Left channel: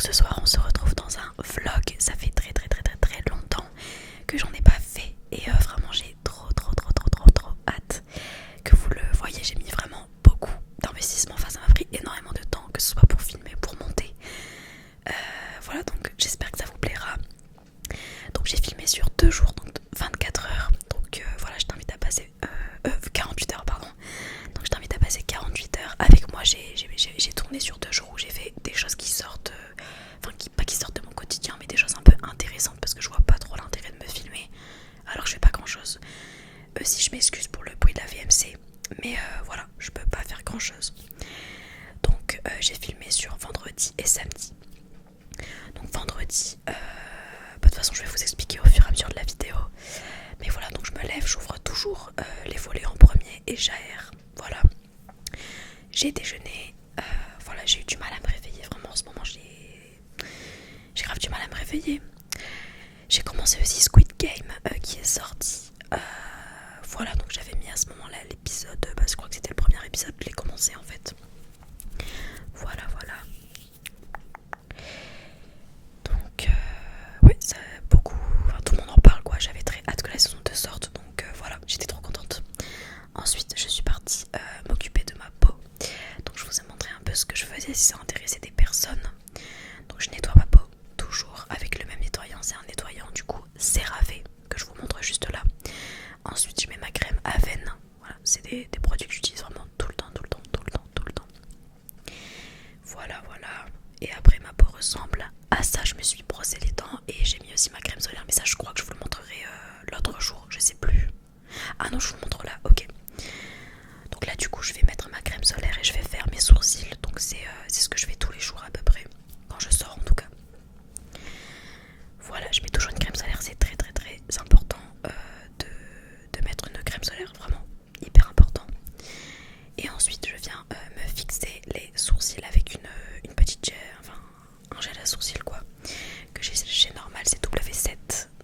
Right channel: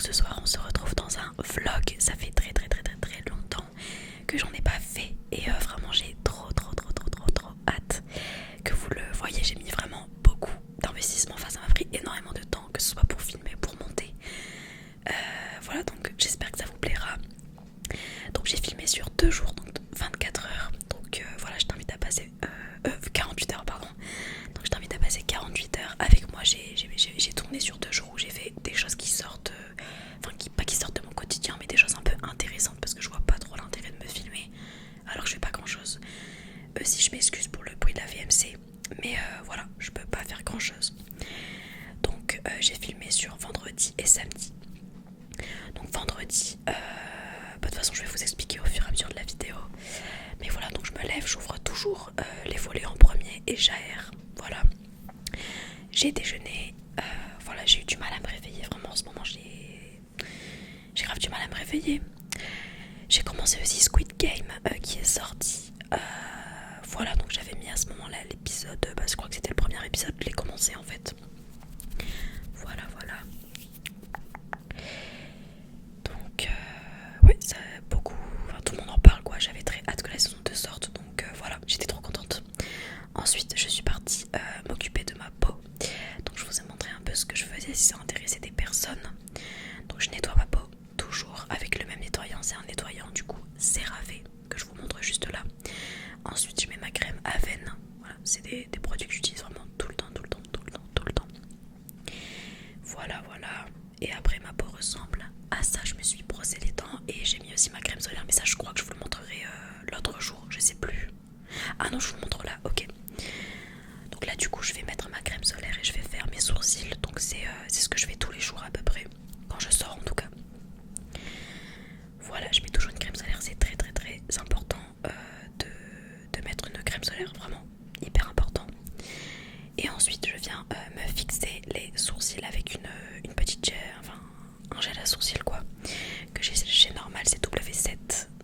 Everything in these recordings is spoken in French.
Donc ce soir on se retrouve dans un vlog. Ça fait très longtemps que j'en ai pas fait. Et vraiment j'ai trop hâte que vous le voyez. J'ai mis vraiment beaucoup d'investissement. Enfin ça m'a pris énormément de temps, que ce soit pour filmer, pour monter. Voilà, donc j'espère que ça vous plaira. Donc j'ai filmé sur 2 jours, donc 24 heures. Donc voilà, je t'invite à passer 48 heures pardon. Donc je t'invite à passer 48 heures avec moi. J'ai tourné sur 2 jours où j'ai fait des choses qui sortent, enfin pas qui sortent de mon quotidien, mais des choses un peu intéressantes parce que je vois pas trop l'intérêt de me filmer alors que je fais pas grand chose. Si je m'excuse pour le bruit de la VMC, mais voilà, je peux pas faire grand chose. Donc j'ai filmé sur vendredi et samedi. Donc vendredi, de toute façon je vais vous expliquer au fur et à mesure de la vidéo. Mais voilà, donc je me lève, j'ouvre toujours les volets en premier et j'aère. Voilà, j'ai déjeuné. Voilà, j'ai eu du mal à me réveiller. Vraiment en ce moment j'ai grave du mal à me réveiller. J'ai commencé aussi Squid Game qui est sorti. Voilà, donc j'avais mis à ce moment là l'épisode, je crois que c'était le premier épisode, je l'ai commencé en fait. Voilà. Donc ouais, ça beaucoup, enfin, tout le monde en parle quoi. J'avais très hâte que la saison 2 sorte. Donc voilà, j'étais trop contente. Ensuite je suis partie m'occuper de ma peau. Donc je vous ai montré un peu ce que je faisais si ça intéressait des personnes. Donc je nettoie ma peau toujours avec le même nettoyant. C'est un nettoyant du coup CeraVe que je vous montre juste là. Ensuite je mets ma crème Aven. Voilà, c'est des produits que j'utilise vraiment tout le temps. Voilà. Et après ma peau ressemble à ça. Je me suis brossé les dents et j'ai mis aussi ma crème solaire. Mais ça je crois que je vous le montrerai l'autre jour. Je sais plus. Ah non, je vous le montre là, ok. Donc là du coup je vais mettre ma crème solaire et je vais faire mes sourcils. Donc c'est ce que je fais tous les jours à peu près. Quand je sors en tout cas. Voilà, je mets toujours une crème solaire. C'est très important de mettre une crème solaire. Vraiment hyper important. Et ensuite je viens me fixer les sourcils avec une petite gel, enfin un gel à sourcils quoi, que j'ai chez Normal, c'est W7.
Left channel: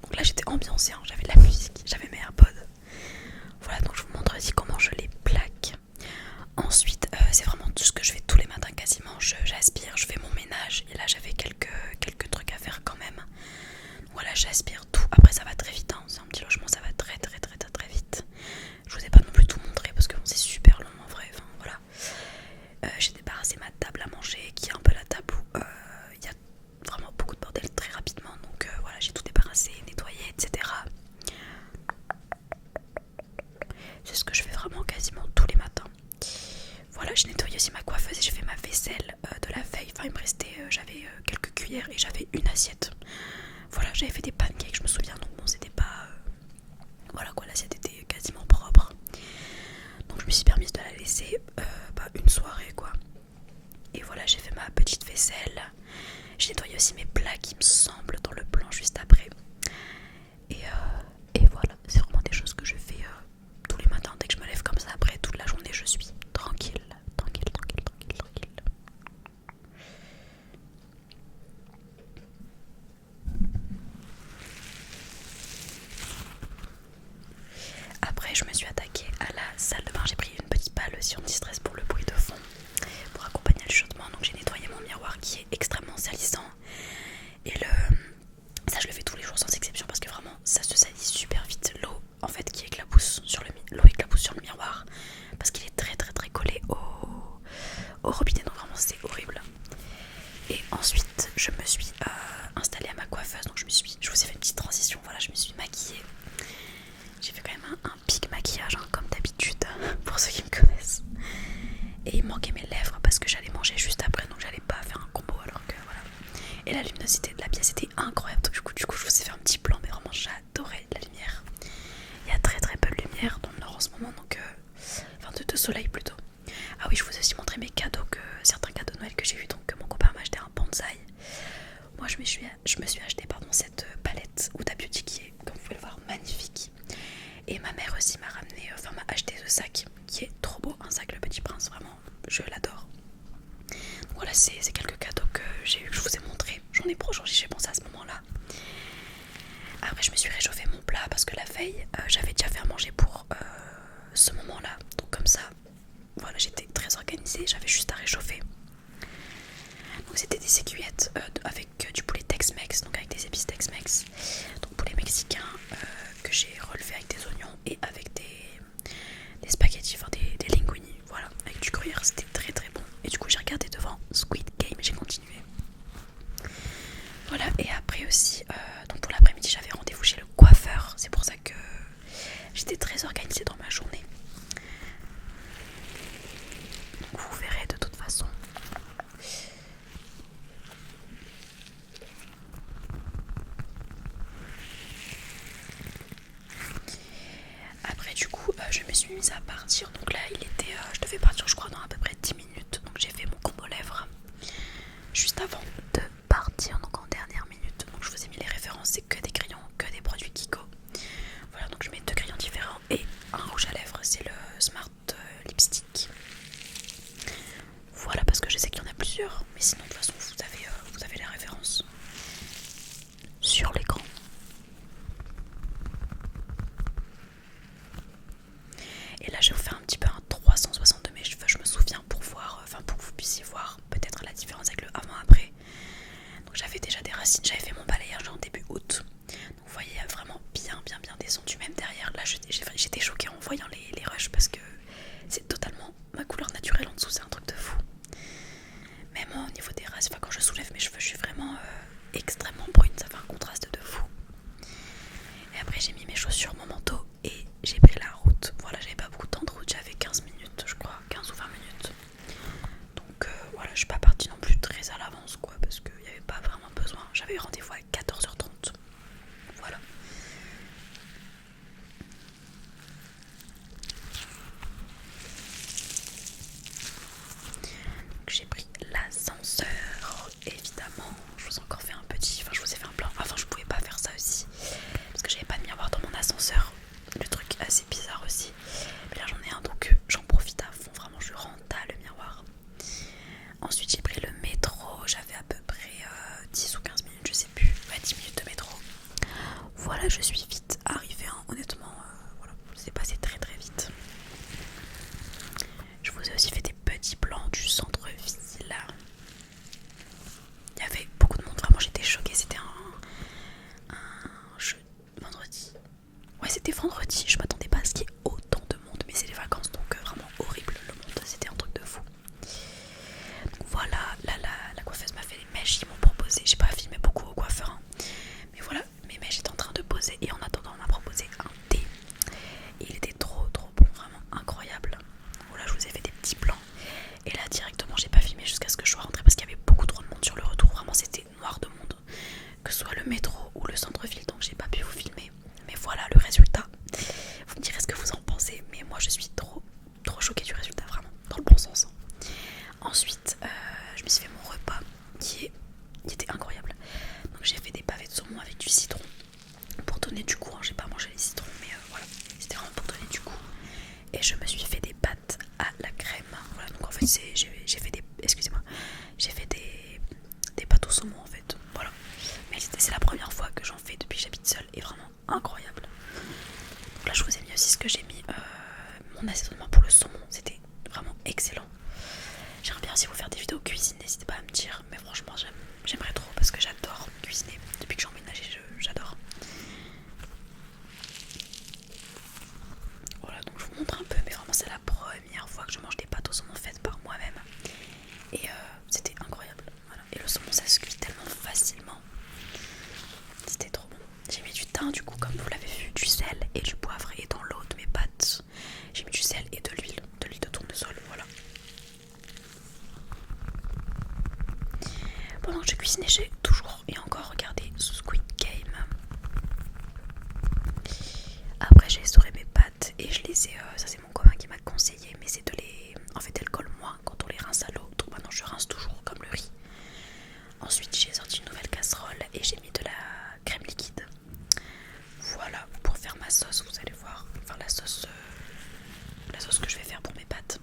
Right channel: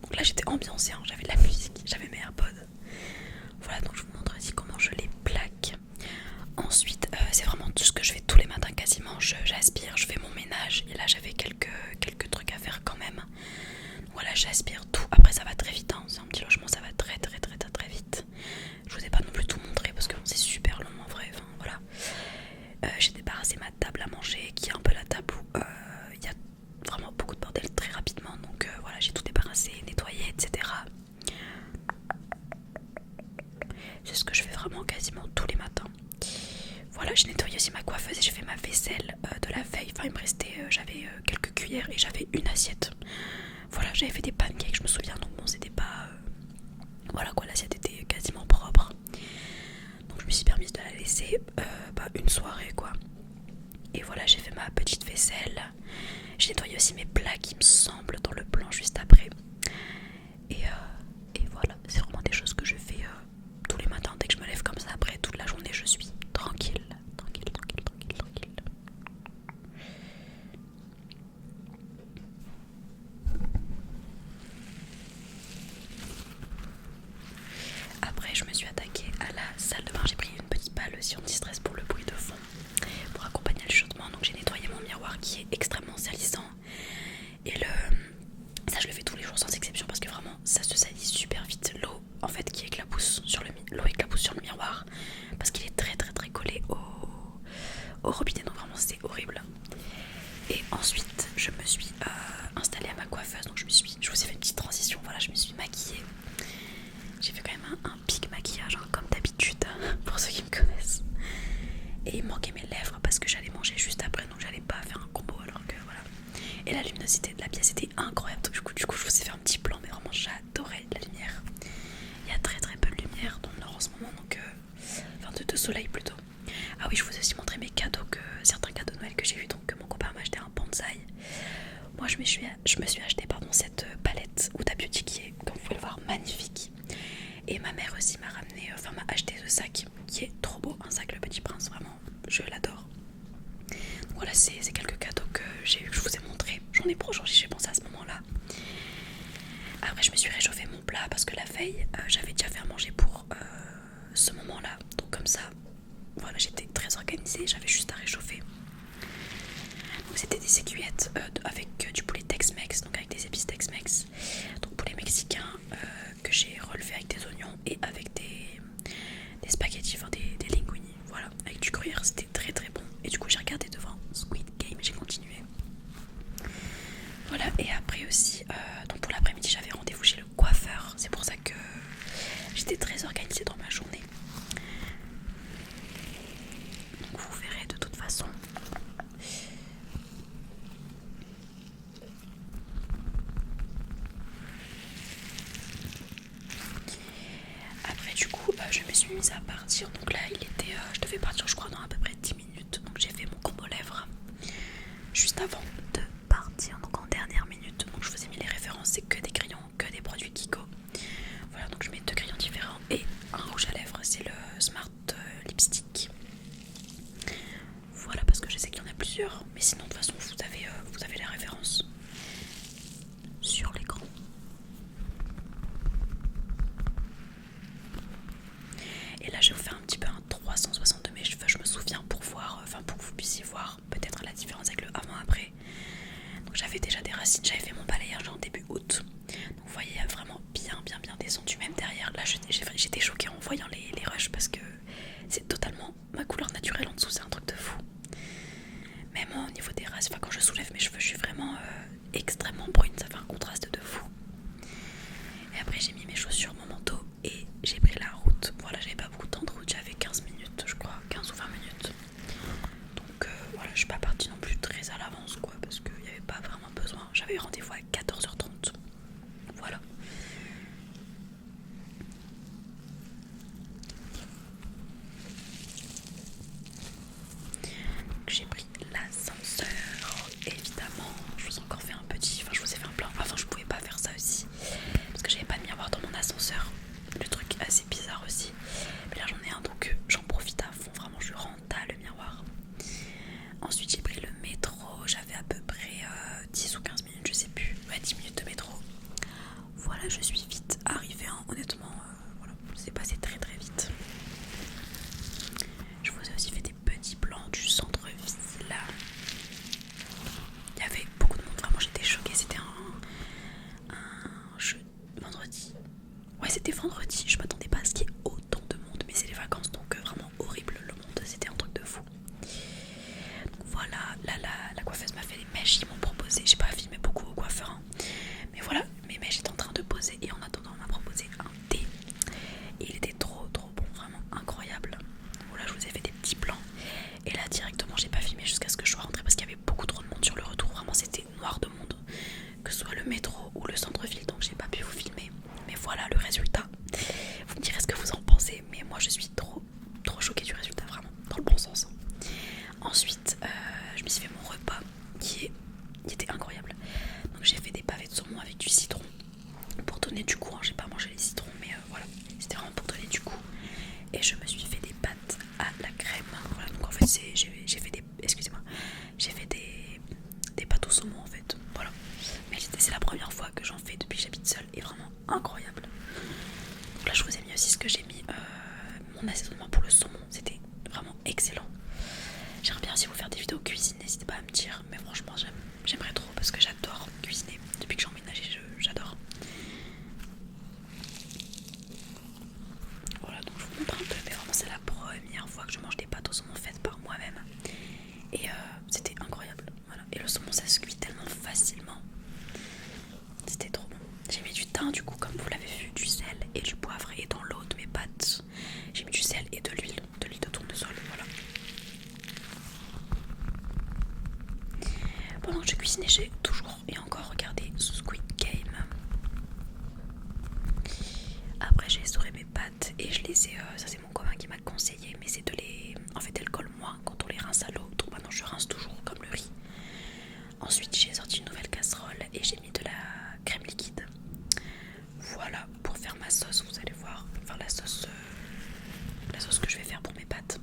Donc là j'étais ambiancée, hein, j'avais de la musique, j'avais mes AirPods. Voilà, donc je vous montre aussi comment je les plaque. Ensuite c'est vraiment tout ce que je fais tous les matins quasiment. J'aspire, je fais mon ménage. Et là j'avais quelques trucs à faire quand même. Voilà, j'aspire tout. Après ça va très vite, hein. C'est un petit logement, ça va très vite. Je vous ai pas non plus tout montré parce que bon, c'est super long en vrai. Enfin voilà. J'ai débarrassé ma table à manger qui est un peu la table où il y a vraiment beaucoup de bordel très rapidement. Donc voilà, j'ai tout débarrassé, nettoyé, etc. C'est ce que je fais vraiment quasiment tous les matins. Voilà, j'ai nettoyé aussi ma coiffeuse et j'ai fait ma vaisselle de la veille. Enfin il me restait, j'avais quelques cuillères et j'avais une assiette. Voilà, j'avais fait des pancakes, je me souviens. Donc bon, c'était pas... voilà quoi, l'assiette était quasiment propre. Donc je me suis permise de la laisser une soirée quoi. Et voilà, j'ai fait ma petite vaisselle. J'ai nettoyé aussi mes plats qui me semblent dans le plan juste après. Et voilà, c'est vraiment des choses que je fais tous les matins. Dès que je me lève comme ça, après toute la journée je suis tranquille. Après je me suis attaquée à la salle de bain. J'ai pris une petite balle si on stress pour le bruit de fond, pour accompagner le chuchotement. Donc j'ai nettoyé mon miroir qui est extrêmement salissant. Et ça je le fais tous les jours sans exception parce que vraiment ça se salit super vite. L'eau en fait qui éclabousse sur le miroir parce qu'il est très collé au robinet. Donc vraiment c'est horrible. Et ensuite je me suis installée à ma coiffeuse. Donc je vous ai fait une petite transition. Voilà, je me suis maquillée. J'ai fait quand même un pic maquillage hein, comme d'habitude pour ceux qui me connaissent. Et il me manquait mes lèvres parce que j'allais manger juste après. Donc j'allais pas faire un combo alors que voilà. Et la luminosité de la pièce était incroyable. Donc, du coup je vous ai fait un petit plan. Mais vraiment j'adorais la lumière. Il y a très peu de lumière dans le nord en ce moment. Donc enfin de soleil plutôt. Ah oui, je vous ai aussi montré mes cadeaux, certains cadeaux de Noël que j'ai eu. Donc mon copain m'a acheté un bonsaï. Moi je me suis acheté cette palette Huda Beauty qui est, comme vous pouvez le voir, magnifique. Et ma mère aussi m'a acheté ce sac qui est trop beau, un sac Le Petit Prince, vraiment, je l'adore. Voilà, c'est quelques cadeaux que j'ai eu, que je vous ai montré. J'en ai j'ai pensé à ce moment-là. Après, je me suis réchauffé mon plat parce que la veille, j'avais déjà fait à manger pour ce moment-là. Donc comme ça, voilà, j'étais très organisée, j'avais juste à réchauffer. Donc c'était des aiguillettes avec du poulet Tex-Mex, donc avec des épices Tex-Mex, donc poulet mexicain que j'ai relevé avec des oignons et avec des spaghettis, enfin des linguini, voilà, avec du gruyère. C'était très très bon. Et du coup j'ai regardé devant Squid Game, j'ai continué. Voilà, et après aussi, donc pour l'après-midi j'avais rendez-vous chez le coiffeur, c'est pour ça que j'étais très organisée dans ma journée. Donc vous verrez de toute façon. Après du coup je me suis mise à partir, donc là il était, je devais partir je crois dans à peu près 10 minutes, donc j'ai fait mon combo lèvres juste avant de partir, donc en dernière minute. Donc je vous ai mis les références, c'est que des crayons, que des produits Kiko. Voilà, donc je mets 2 crayons différents et un rouge à lèvres, c'est le Smart Lipstick. Voilà, parce que je sais qu'il y en a plusieurs, mais sinon de toute façon vous avez les références sur l'écran. Et là je vais vous faire un petit peu un 360 de mes cheveux, je me souviens, pour voir, enfin pour que vous puissiez voir peut-être la différence avec le avant-après. Donc j'avais déjà des racines, j'avais fait mon balayage en début août. Donc vous voyez vraiment bien descendu, même derrière. Là j'étais choquée en voyant les rushs parce que c'est totalement ma couleur naturelle en dessous, c'est un truc de fou. Même au niveau des racines, enfin quand je soulève mes cheveux je suis vraiment extrêmement brune, ça fait un contraste de fou. Et après j'ai mis mes chaussures, mon manteau et j'ai pris la route. Voilà, j'avais pas beaucoup de temps de route, j'avais 15 minutes je crois, 15 ou 20 minutes. Donc voilà, je suis pas partie non plus très à l'avance quoi, parce qu'il n'y avait pas vraiment besoin. J'avais rendez-vous à 14h30. Voilà. Donc j'ai pris l'ascenseur, évidemment. Je vous ai encore fait un petit, enfin je vous ai fait un plan. Enfin je pouvais pas faire ça aussi parce que j'avais pas de miroir dans mon ascenseur. Le truc assez bizarre aussi. Mais là j'en ai un, donc j'en profite à fond. Vraiment je rends à le miroir. Ensuite j'ai pris le métro. J'avais à peu près 10 ou 15 minutes, je sais plus. Ouais, 10 minutes de métro. Voilà, je suis vite arrivée, hein. Honnêtement, voilà, c'est passé très très vite. Je vous ai aussi fait des petits plans du centre-ville. Il y avait beaucoup de monde, vraiment j'étais choquée. C'était un jeu vendredi. Ouais, c'était vendredi, je m'attendais pas à ce qu'il y ait autant de monde, mais c'est les vacances donc vraiment horrible le monde, c'était un truc de fou. Donc voilà, là la coiffeuse m'a fait les mèches, ils m'ont proposé, j'ai pas filmé beaucoup au coiffeur, hein. Mais voilà, mes mèches étaient en train de poser et en attendant on m'a proposé un thé. Et il était trop bon, vraiment incroyable. Voilà, je vous ai fait des petits plans. Et là directement j'ai pas filmé jusqu'à ce que je sois rentrée parce qu'il y avait beaucoup trop de monde sur le retour. Vraiment c'était noir de monde, que ce soit le métro ou le centre-ville, donc j'ai pas pu vous filmer. Mais voilà le résultat. Vous me direz ce que vous en pensez, mais moi je suis trop choquée du résultat, vraiment, dans le bon sens. Ensuite je me suis fait mon repas qui était incroyable. Donc j'ai fait des pavés de saumon avec du citron pour donner du goût, hein. J'ai pas mangé les citrons, mais voilà, c'était vraiment pour donner du goût. Et je me suis fait des pâtes à la crème. Voilà, donc en fait j'ai fait des, excusez-moi, j'ai fait des pâtes au saumon en fait. Voilà, mais c'est la première fois que j'en fais depuis que j'habite seule et vraiment incroyable. Donc là je vous ai mis aussi ce que j'ai mis, mon assaisonnement pour le saumon, c'était vraiment excellent. J'aimerais bien aussi vous faire des vidéos cuisine, n'hésitez pas à me dire, mais franchement j'aimerais trop parce que j'adore cuisiner. Depuis que j'ai emménagé, j'adore. Voilà, donc je vous montre un peu, mais vraiment c'est la première fois que je mange des pâtes au saumon faites par moi-même. Et c'était incroyable. Voilà. Et le saumon ça se cuit tellement facilement. C'était trop bon. J'ai mis du thym du coup, comme vous l'avez vu, du sel et du poivre. Et dans l'eau de mes pâtes, j'ai mis du sel et de l'huile de tournesol. Voilà. Pendant que je cuisinais, j'ai toujours et encore regardé Squid Game. Après j'ai essoré mes pâtes et je les ai, ça c'est mon copain qui m'a conseillé, mais c'est de les, en fait elles collent moins quand on les rince à l'eau, donc maintenant je rince toujours comme le riz. Ensuite j'ai sorti une nouvelle casserole et j'ai mis de la crème liquide. Voilà, pour faire ma sauce, vous allez voir, enfin la sauce que je vais faire pour mes pâtes.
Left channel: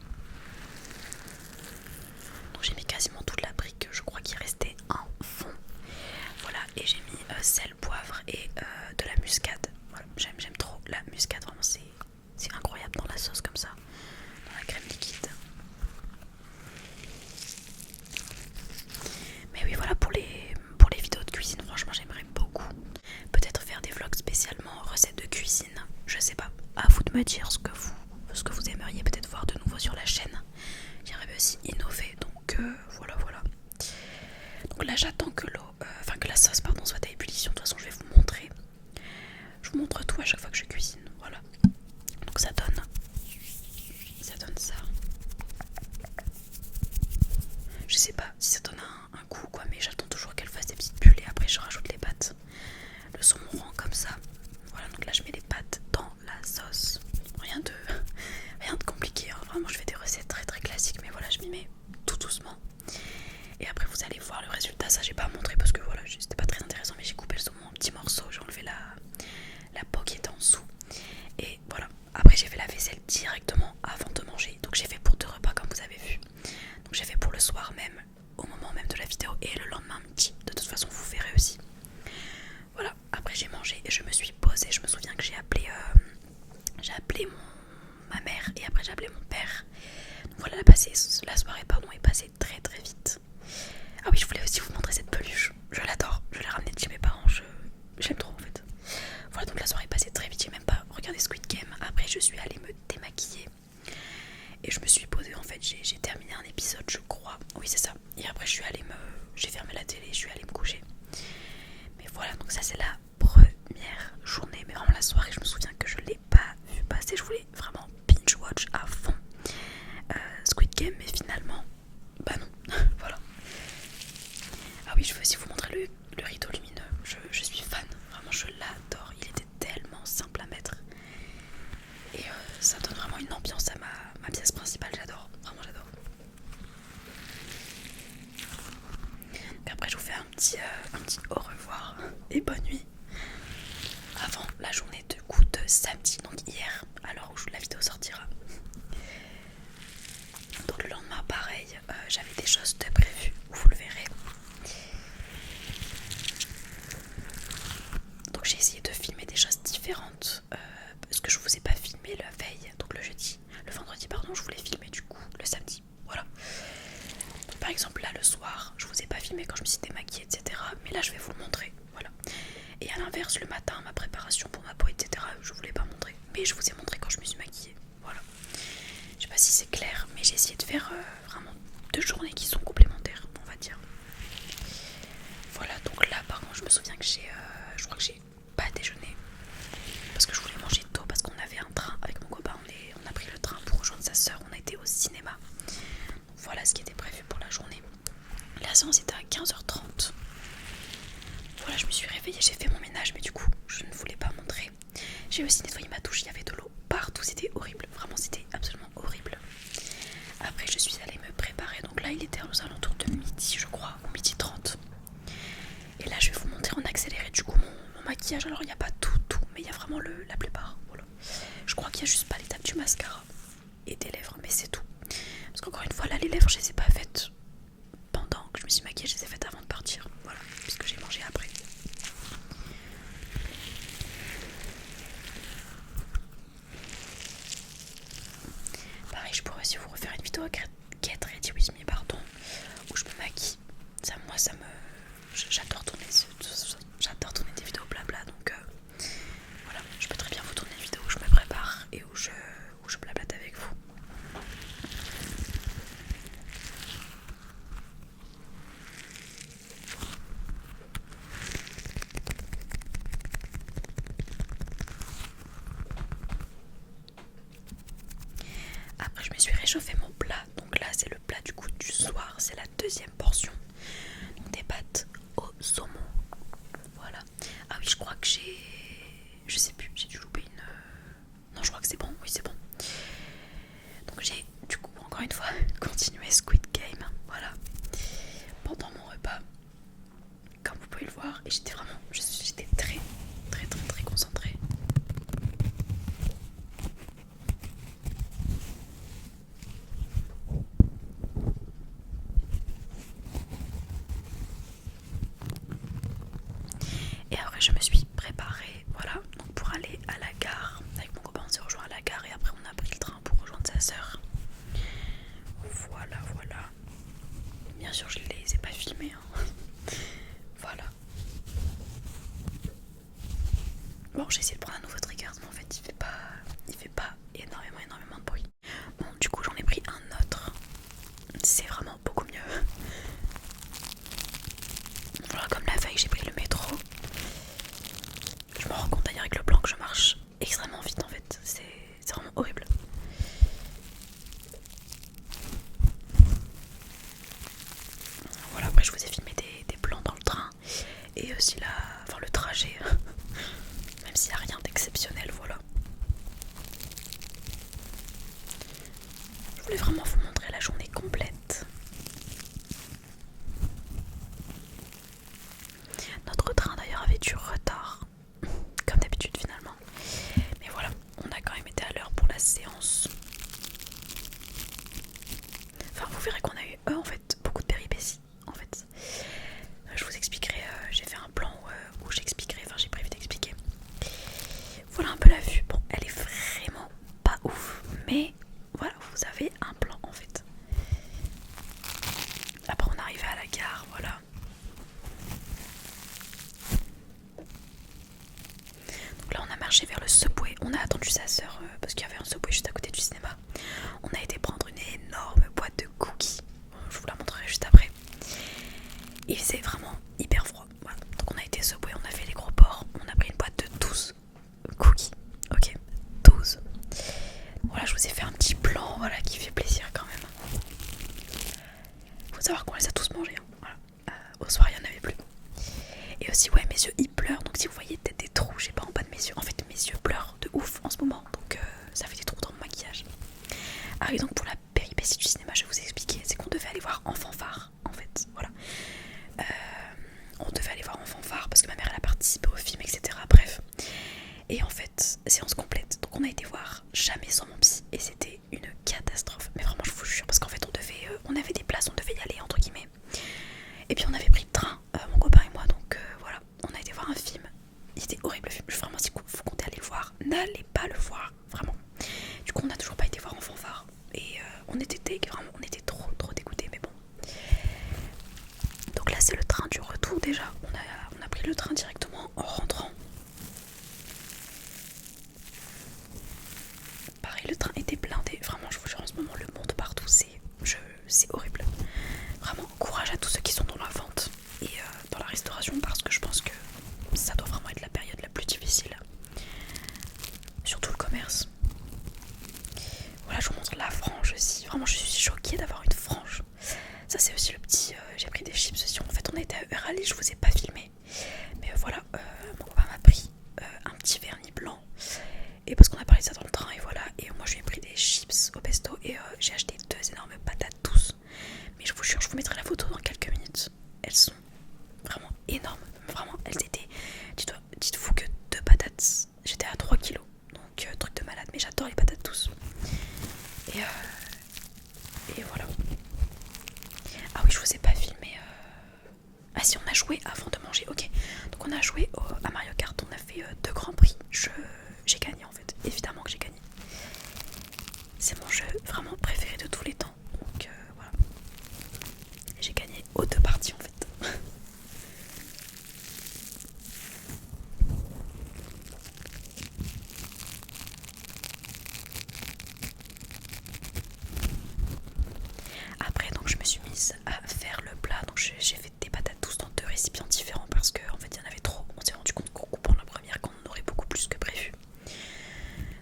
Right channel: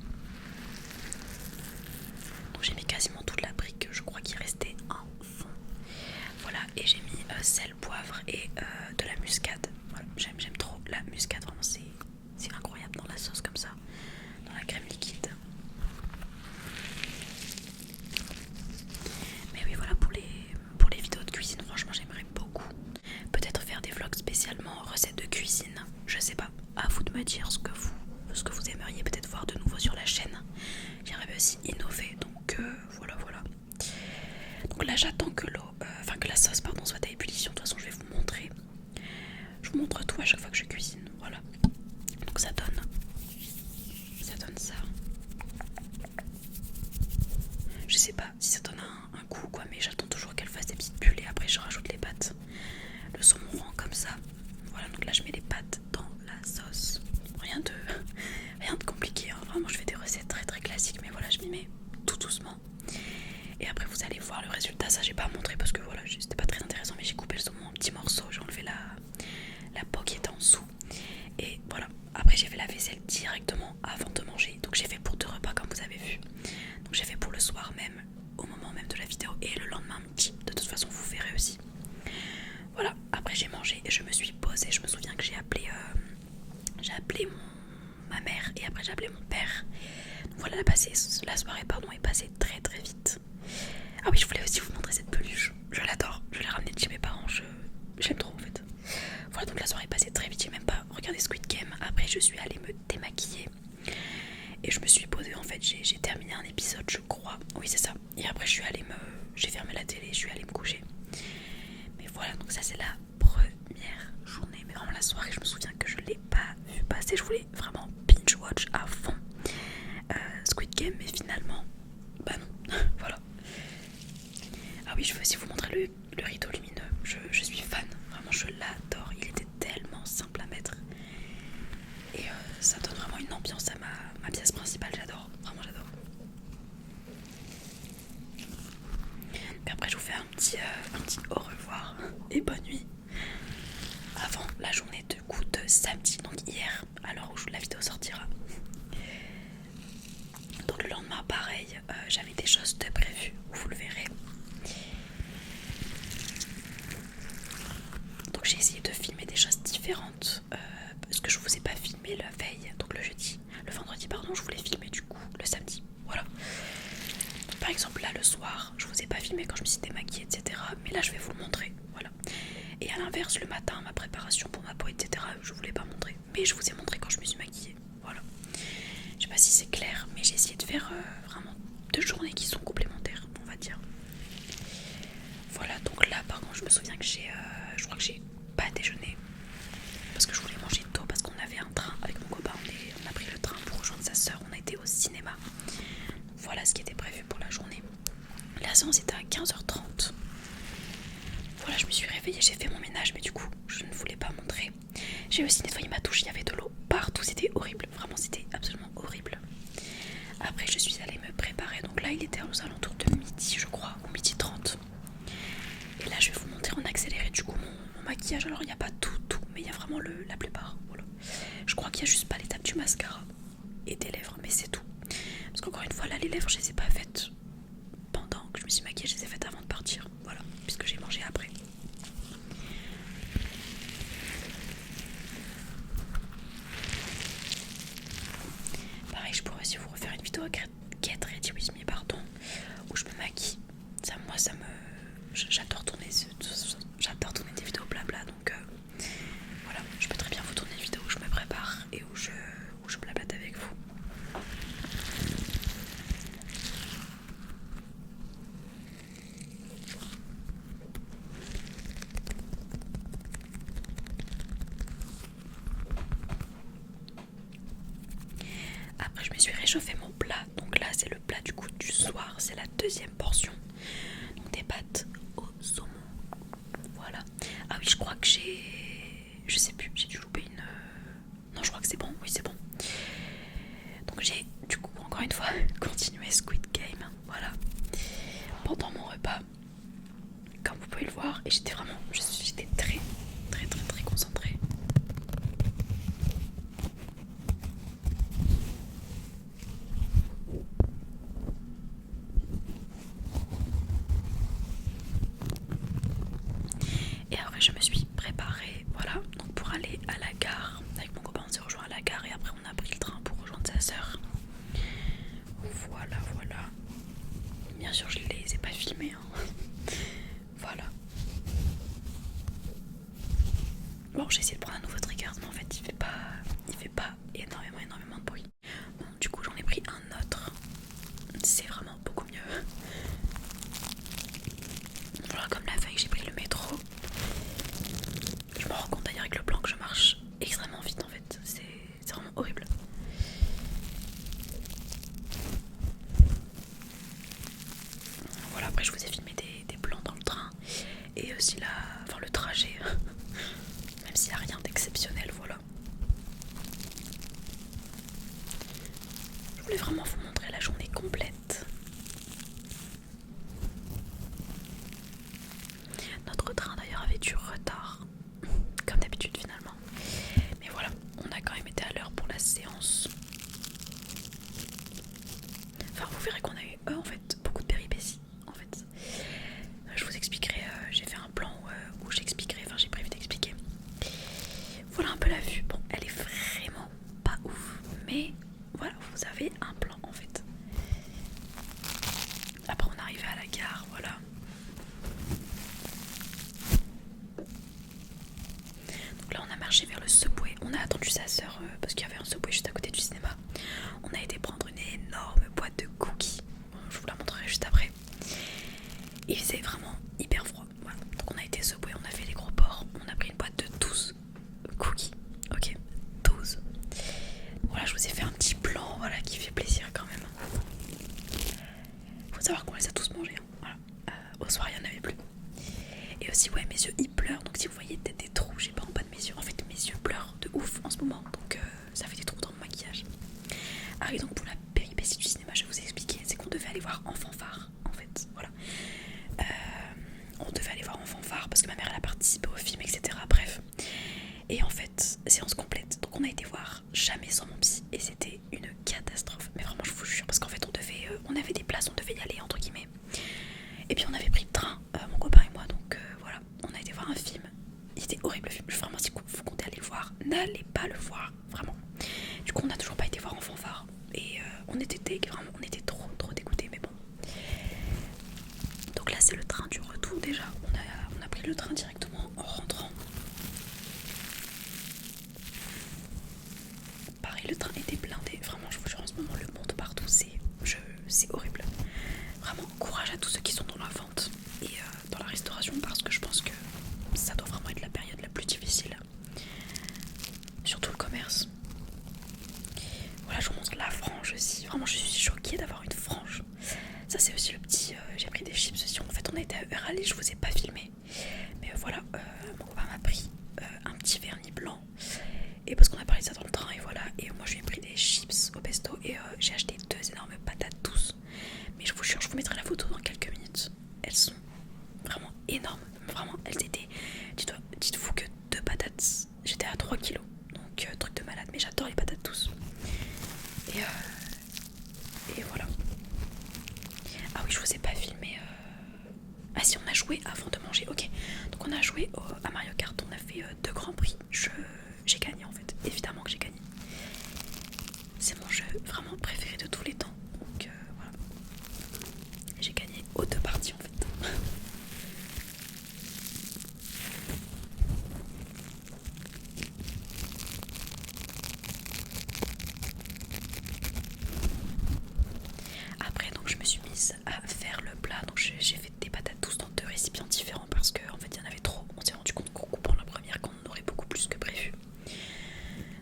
Donc j'ai mis quasiment toute la brique, je crois qu'il restait un fond. Voilà, et j'ai mis sel, poivre et de la muscade. Voilà, j'aime trop la muscade, vraiment c'est incroyable dans la sauce comme ça, dans la crème liquide. me dire ce que vous aimeriez peut-être voir de nouveau sur la chaîne. J'aimerais aussi innover, donc voilà. Donc là j'attends que que la sauce soit à ébullition. De toute façon je vais vous montrer. Je vous montre tout à chaque fois que je cuisine, voilà. Donc ça donne ça. Je sais pas si ça donne un goût quoi, mais j'attends toujours qu'elle fasse des petites bulles et après je rajoute les pâtes. Le saumon rend comme ça. Voilà, donc là je mets les pâtes dans la sauce. Rien de compliqué, hein. Vraiment je fais des recettes très très classiques, mais voilà, je m'y mets tout doucement. Et après vous allez voir le résultat. Ça j'ai pas montré parce que voilà, c'était pas très intéressant, mais j'ai coupé le saumon en petits morceaux, j'ai enlevé la peau qui était en dessous. Et voilà, après j'ai fait la vaisselle directement avant de manger. Donc j'ai fait pour 2 repas comme vous avez vu. Donc j'ai fait pour le soir même, au moment même de la vidéo, et le lendemain midi. De toute façon vous verrez aussi. Voilà, après j'ai mangé et je me suis posée. Je me souviens que j'ai appelé ma mère et après j'ai appelé mon père. Donc voilà, la soirée est passée très très vite. Ah oui, je voulais aussi vous montrer cette peluche. Je l'adore, je l'ai ramenée de chez mes parents, j'aime trop en fait. Voilà, donc la soirée est passée très vite, j'ai même pas regardé Squid Game. Après je suis allée me démaquiller et je me suis posée, en fait j'ai terminé un épisode je crois. Oui c'est ça. Et après j'ai fermé la télé, je suis allée me coucher. Mais voilà, donc ça c'est la première journée. Mais vraiment la soirée, je me souviens que je l'ai pas vu passer. Je voulais vraiment binge watch à fond Squid Game, mais finalement bah non. Voilà. Ah oui, je veux aussi vous montrer le rideau lumineux. Je suis fan, vraiment je l'adore. Il était tellement simple à mettre. Et ça donne vraiment une ambiance à ma pièce principale. J'adore, vraiment j'adore. Et après je vous fais un petit au revoir et bonne nuit. Avant la journée de samedi, donc hier, à l'heure où la vidéo sortira. Donc le lendemain pareil, j'avais des choses de prévues, vous le verrez. Donc j'ai essayé de filmer des choses différentes parce que je vous ai pas filmé la veille, donc le vendredi pardon, je voulais filmer du coup le samedi, voilà. Donc, par exemple là le soir, je vous ai pas filmé quand je me suis démaquillée, etc. Mais là je vais vous le montrer, voilà. Et à l'inverse le matin, ma préparation pour ma peau, etc. je voulais pas montrer, mais je vous ai montré quand je me suis maquillée, voilà. Je sais pas si c'est clair, mais j'ai essayé de faire vraiment 2 journées qui sont complémentaires, on va dire. Voilà, donc là par contre je me souviens que je crois que j'ai pas déjeuné parce que je voulais manger tôt parce qu'on avait un train avec mon copain, on a pris le train pour rejoindre sa soeur, on a été au cinéma. Voilà ce qui était prévu pour la journée. La séance était à 15h30. Voilà, je me suis réveillée, j'ai fait mon ménage, mais du coup je ne voulais pas montrer. J'ai aussi nettoyé ma douche, il y avait de l'eau partout, c'était horrible, vraiment c'était absolument horrible. Après je suis allée me préparer, donc là il était aux alentours de midi je crois, ou midi 30. Et là je vais vous montrer en accéléré du coup mon maquillage. Alors il n'y a pas tout, mais il y a vraiment la plupart, voilà. Je crois qu'il n'y a juste pas l'étape du mascara et des lèvres, mais c'est tout. Parce qu'encore une fois là les lèvres je les ai pas faites pendant que je me suis maquillée, je les ai faites avant de partir, voilà, puisque j'ai mangé après. Pareil, je pourrais aussi vous refaire une vidéo Get Ready With Me, pardon, où je me maquille. J'adore tourner des vidéos blabla, donc voilà, je peux très bien vous tourner une vidéo où je me prépare et où je blablate avec vous. Après je me suis réchauffé mon plat, donc là c'est le plat du coup du soir, c'est la 2e portion, donc des pâtes au saumon, voilà. Ah oui, je crois que je sais plus, j'ai dû louper une... Non, je crois que c'est bon, oui c'est bon. Donc j'ai du coup encore une fois continué Squid Game, voilà, pendant mon repas, comme vous pouvez le voir, et j'étais très très très très concentrée. Et après je me suis préparée, voilà, donc pour aller à la gare. Avec mon copain on s'est rejoint à la gare et après on a pris le train pour rejoindre sa soeur. Voilà. Bien sûr je les ai pas filmés, hein. Voilà. Bon, j'ai essayé de prendre un nouveau trigger, mais en fait il fait pas du retard, comme d'habitude finalement. Mais voilà, on a quand même été à l'heure pour la séance. Enfin, vous verrez qu'on a eu en fait beaucoup de péripéties. En fait, je vous expliquerai. J'ai fait un plan où j'expliquerai. Enfin, j'ai prévu d'expliquer. Voilà un peu la vue. Bon, elle est vraiment pas ouf, mais voilà, vous avez un plan en fait. Après, on est arrivé à la gare, voilà. Donc là, on a marché vers le Subway. On a attendu sa sœur parce qu'il y avait un Subway juste à côté du cinéma. On a été prendre une énorme boîte de cookies. Je vous la montrerai juste après. Il faisait vraiment hyper froid. Voilà. Donc on a été Subway, on a fait les gros ports. On a pris une boîte de 12 cookies. Ok, 12. Voilà, je vous ai fait un petit plan, voilà, qui fait plaisir quand même. Faut savoir qu'on les a tous mangés. Hein. Voilà. Au soir, il n'y en avait plus. Et aussi, ouais, mes yeux ils pleurent. Donc si vous voyez peut-être des trous, j'ai pas en bas de mes yeux. En fait, mes yeux pleurent de ouf en ce moment. Donc ça fait des trous dans mon maquillage. Ah oui, donc pour la péripétie du cinéma, je vais vous expliquer. C'est qu'on devait aller voir En Fanfare, en fait. Voilà. On devait aller voir En Fanfare parce que ma mère elle a participé au film, etc. Bref. Et en fait, séance complète. Donc on a été voir Jamais sans mon psy et c'était une catastrophe. Mais vraiment, je vous jure, parce qu'en fait, on avait des places, on devait y aller entre guillemets. Et puis on avait pris le train, mon copain et moi. Donc voilà, on a été voir un film. Il était horrible le film. Vraiment, si vous comptez aller le voir, n'allez pas le voir, vraiment. Du coup, on n'a toujours pas été voir En Fanfare et on était vraiment, on était trop dégoûtés. Mais bon. Donc là, c'est le train du retour déjà. On a pris le train directement en rentrant. Pareil, le train était blindé. Vraiment, je vous jure, en ce moment, le monde partout, c'est horrible. Vraiment, courage à tous ceux qui sont dans la vente et dans la restauration parce que je pense que ça doit vraiment être la période la plus difficile. Surtout le commerce. Voilà, je vous montre la frange aussi. Vraiment, je suis choquée d'avoir une frange. Ça, c'est aussi le petit... j'ai pris des chips aussi. En fait, on a été à Eurali, je vous ai pas filmé. Mais voilà, mon copain m'a pris un petit vernis blanc. Et parce qu'on a parlé de ça dans le train, et voilà. Et moi, je lui ai pris des chips au pesto. Et j'ai acheté 2 énormes patates douces. Mais je vous jure, je vous mettrai la photo dans quelques minutes. Elles sont vraiment énormes. Vraiment, elles étaient... Dites-vous que 2 patates, j'étais à 3 kilos. Donc, truc de malade. Mais j'adore les patates douces. Et voilà. Ah oui, je vous ai pas filmé. Ah si, on a joué avant de manger. Ok. Donc on a joué à Mario Kart. On a fait 2 grands prix. J'ai gagné en fait. Évidemment que j'ai gagné. C'est mon jeu vraiment préféré de tous les temps. Donc voilà. J'ai gagné aux 2 parties en fait. Après donc je me suis mise à faire le plat. Donc j'ai fait des patates douces dans 2 récipients différents parce qu'en fait il y en avait trop. On s'est rendu compte qu'en coupant la première qu'on en aurait beaucoup plus que prévu.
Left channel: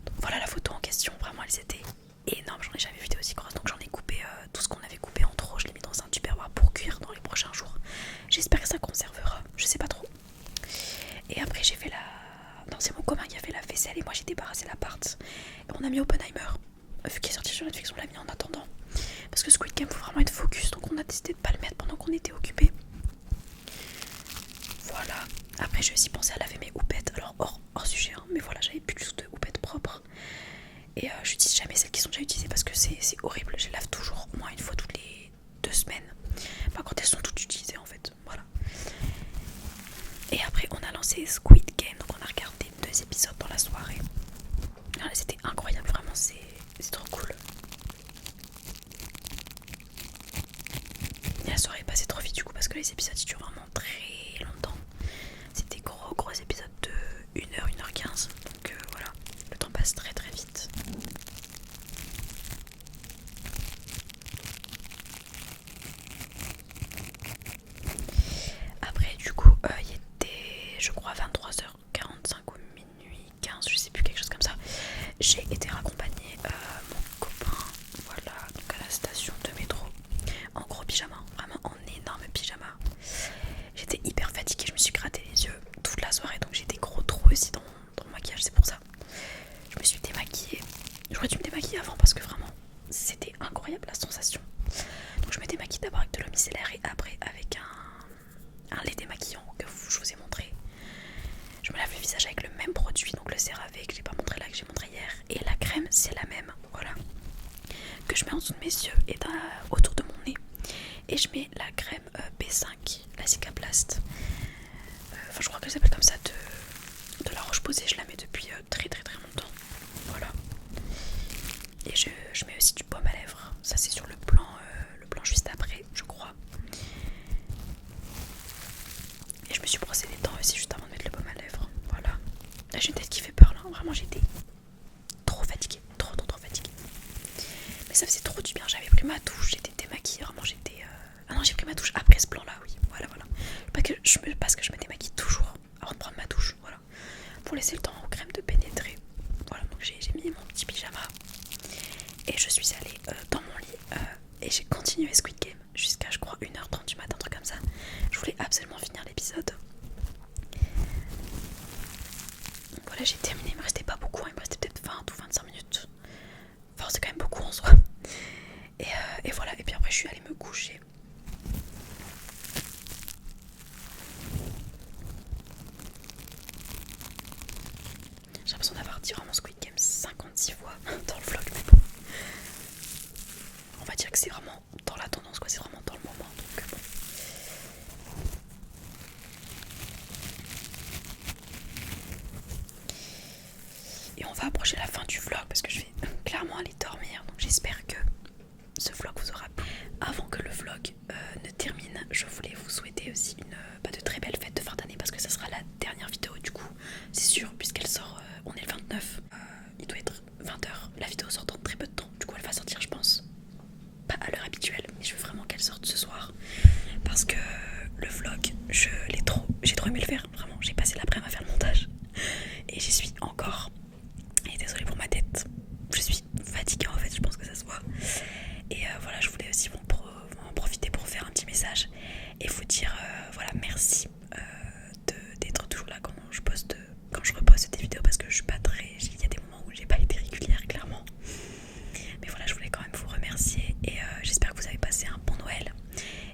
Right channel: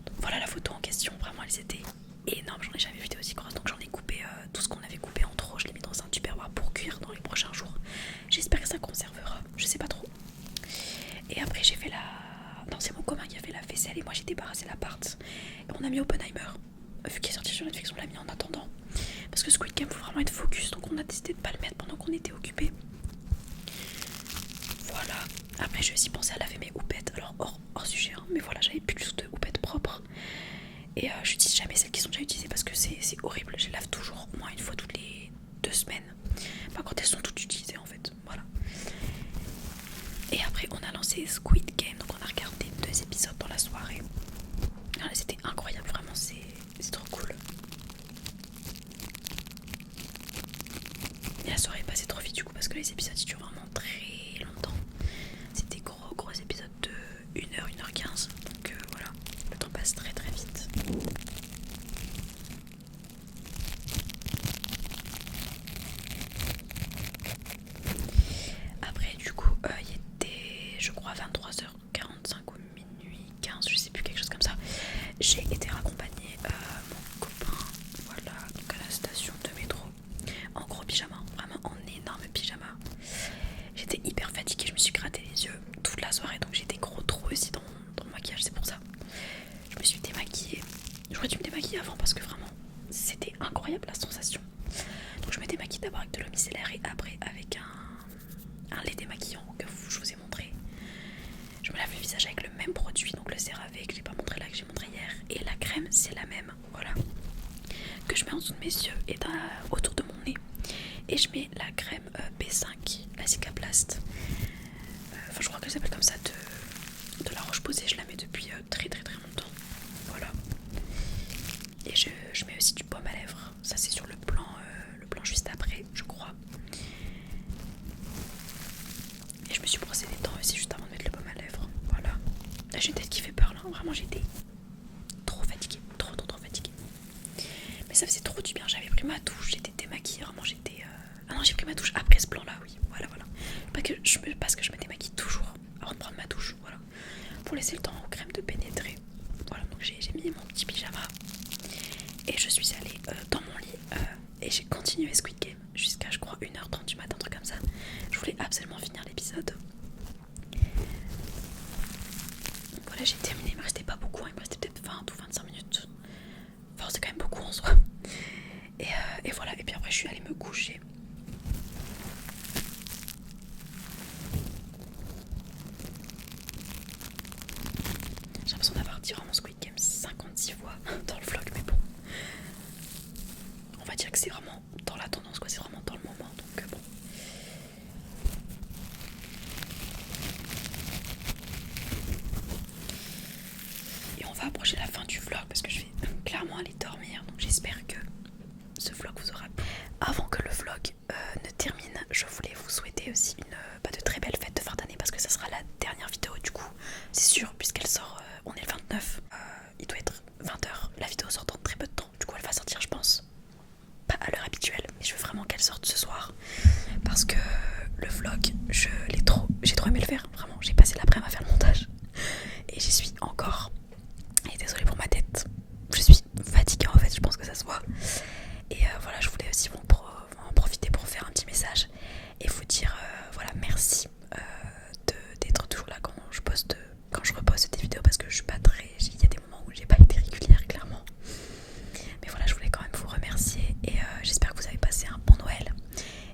Donc voilà la photo en question. Vraiment elles étaient énormes. J'en ai jamais vu des aussi grosses. Donc j'en ai coupé tout ce qu'on avait coupé en trop. Je l'ai mis dans un tupperware pour cuire dans les prochains jours. J'espère que ça conservera. Je sais pas trop. Et après j'ai fait la... Non, c'est mon copain qui a fait la vaisselle et moi j'ai débarrassé l'appart. Et on a mis Oppenheimer. Vu qu'il est sorti sur Netflix, on l'a mis en attendant. Parce que Squid Game faut vraiment être focus. Donc on a décidé de pas le mettre pendant qu'on était occupés. Voilà. Après j'ai aussi pensé à laver mes houpettes. Alors hors sujet hein, mais voilà, j'avais plus du tout de houpettes propres. Et j'utilise jamais celles qui sont déjà utilisées parce que c'est horrible. Je les lave toujours au moins une fois toutes les 2 semaines. Enfin quand elles sont toutes utilisées en fait. Voilà. Et après on a lancé Squid Game. Donc on a regardé 2 épisodes dans la soirée. C'était incroyable, vraiment c'est trop cool. Et la soirée est passée trop vite du coup parce que les épisodes ils durent vraiment très longtemps. C'était gros épisodes de 1h, 1h15. Donc voilà, le temps passe très vite. Après du coup il était je crois 23h45 ou minuit 15, je sais plus, quelque chose comme ça. J'ai été raccompagnée mon copain, voilà, donc à la station de métro, en gros pyjama, vraiment en énorme pyjama. J'étais hyper fatiguée, je me suis gratté les yeux toute la soirée, donc j'étais gros trou aussi dans mon maquillage, c'est pour ça. Je me suis démaquillée. J'aurais dû me démaquiller avant parce que vraiment c'était incroyable la sensation. Donc je me démaquille d'abord avec de l'eau micellaire et après avec un lait démaquillant que je vous ai montré. Blast. Enfin je crois qu'elle s'appelle comme ça, de la Roche-Posay. Je la mets depuis très longtemps. Voilà. Et je mets aussi du baume à lèvres. Ça c'est sur le plan juste après, je crois. Et je me suis brossé les dents aussi juste avant de mettre le baume à lèvres. Voilà. Là j'ai une tête qui fait peur là. Vraiment j'étais trop fatiguée. Trop fatiguée. Mais ça faisait trop du bien. J'avais pris ma douche. J'étais démaquillée. Vraiment j'étais... Ah non, j'ai pris ma douche après ce plan là, oui. Voilà. Parce que je me démaquille toujours avant de prendre ma douche. Voilà. Pour laisser le temps aux crèmes de pénétrer. Voilà, donc j'ai mis mon petit pyjama. Et je suis allée dans mon lit. Et j'ai continué Squid Game jusqu'à je crois 1h30 du matin, un truc comme ça. Je voulais absolument finir l'épisode. Voilà, j'ai terminé, il me restait pas beaucoup, il me restait peut-être 20 ou 25 minutes. Enfin c'est quand même beaucoup en soi. Et voilà, et puis après je suis allée me coucher. J'ai l'impression d'avoir dit vraiment Squid Game 56 fois dans le vlog, mais bon. On va dire que c'est vraiment dans la tendance, quoi, c'est vraiment dans le moment, donc bon. Et on va approcher la fin du vlog parce que je vais clairement aller dormir, donc j'espère que ce vlog vous aura plu. Avant que le vlog ne termine, je voulais vous souhaiter aussi de très belles fêtes de fin d'année parce que ça sera la dernière vidéo du coup, c'est sûr, puisqu'elle sort, on est le 29, il doit être 20h, la vidéo sort dans très peu de temps, du coup elle va sortir je pense, pas à l'heure habituelle, mais je veux vraiment qu'elle sorte ce soir parce que le vlog, j'ai trop aimé le faire, vraiment, j'ai passé l'après-midi à faire le montage et j'y suis encore. Et désolée pour ma tête, je suis fatiguée en fait, je pense que ça se voit. Et voilà, je voulais aussi en profiter pour faire un petit message et vous dire voilà, merci d'être toujours là quand je reposte des vidéos parce que je suis pas très... Il y a des moments où j'ai pas été régulière clairement. Mais voilà, je voulais quand même vous remercier et j'espère que vous avez passé un bon Noël.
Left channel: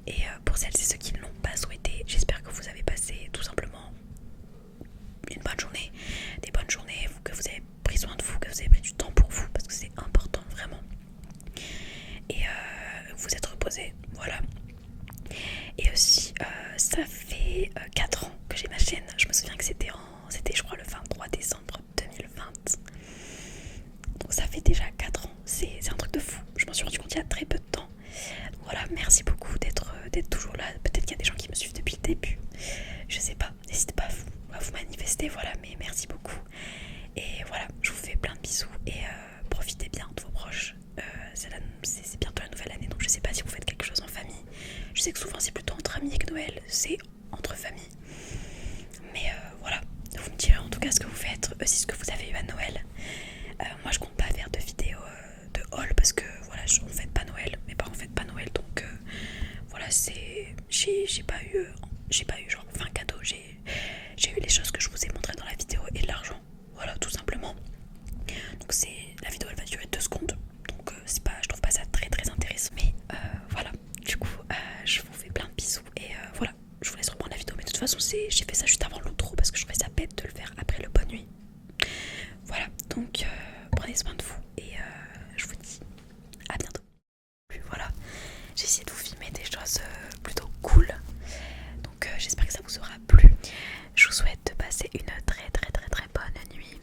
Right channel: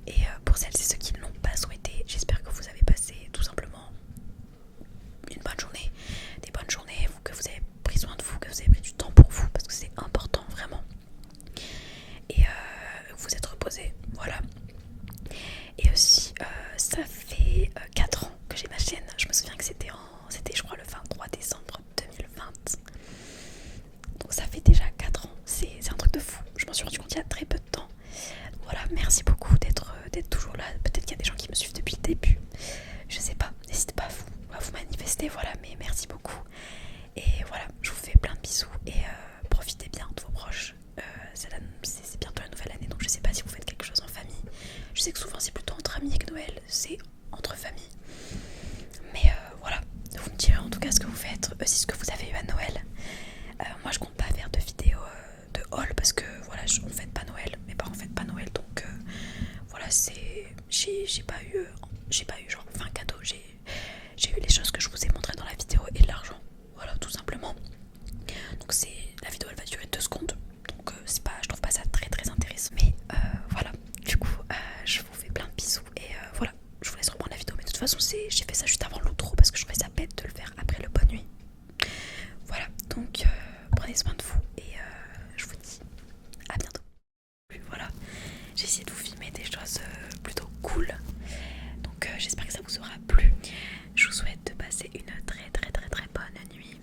Et pour celles et ceux qui ne l'ont pas souhaité, j'espère que vous avez passé tout simplement une bonne journée, des bonnes journées, que vous avez pris soin de vous, que vous avez pris du temps pour vous parce que c'est important vraiment. Et vous êtes reposé, voilà. Et aussi ça fait 4 ans que j'ai ma chaîne. Je me souviens que c'était je crois le 23 décembre 2020. Donc ça fait déjà 4 ans, c'est un truc de fou. Je m'en suis rendu compte il y a très peu de temps. Voilà, merci beaucoup d'être toujours là. Peut-être qu'il y a des gens qui me suivent depuis le début, je sais pas, n'hésitez pas à vous manifester, voilà, mais merci beaucoup. Et voilà, je vous fais plein de bisous et profitez bien de vos proches. C'est bientôt la nouvelle année, donc je sais pas si vous faites quelque chose en famille. Je sais que souvent c'est plutôt entre amis que Noël, c'est entre familles. Mais voilà, vous me direz en tout cas ce que vous faites, aussi ce que vous avez eu à Noël. Moi je compte pas faire de vidéos de haul parce que voilà, on fête pas Noël, mes parents fêtent pas Noël, donc voilà, j'ai pas eu genre 20 cadeaux, j'ai eu les choses que je vous ai montrées dans la vidéo et de l'argent, voilà, tout simplement. Donc la vidéo elle va durer 2 secondes, donc je trouve pas ça très intéressant, mais voilà, du coup je vous fais plein de bisous et voilà, je vous laisse reprendre la vidéo, mais de toute façon j'ai fait ça juste avant l'outro parce que je trouvais ça bête de le faire après le bonne nuit. Voilà, donc prenez soin de vous et je vous dis à bientôt. Voilà, j'ai essayé de vous filmer des choses plutôt cool, donc j'espère que ça vous aura plu. Je vous souhaite de passer une très bonne nuit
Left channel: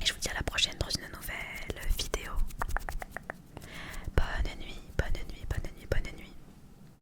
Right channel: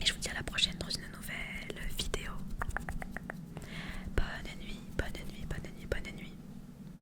et je vous dis à la prochaine dans une nouvelle